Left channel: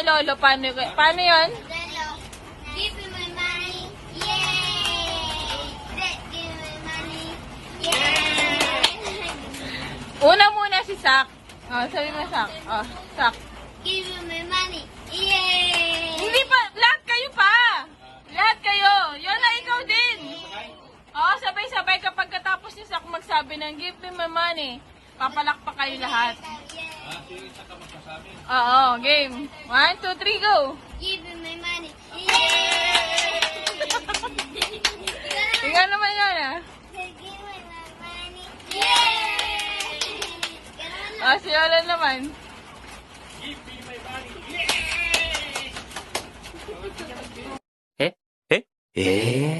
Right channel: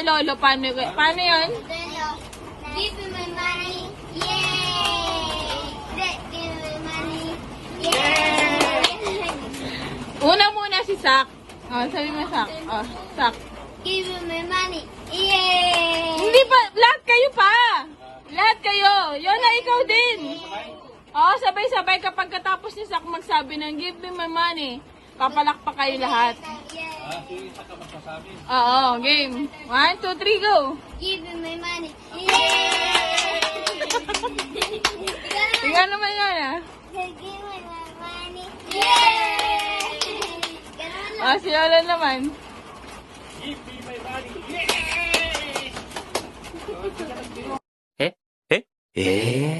kay Lolo. Paano yun? Give me my money. Yay! Give me money. Yay! Una muna si Sak. Oh, sabi mo Sak. Oh, Sak. Give me my money. Yay! Hindi pa, lahat kayo pa. Lahat kayo. Yola, ikaw din. Oh, sabay-sabay kapag katapos ni Sak magsabi ng give me my money. Papalakpak kayo lahat. Oo, game. 1, 2, 3, go. Give me my money. Yay! Tingnan naman yan ah. Give me my money. Yay! Oh, si Yola naman. Eh?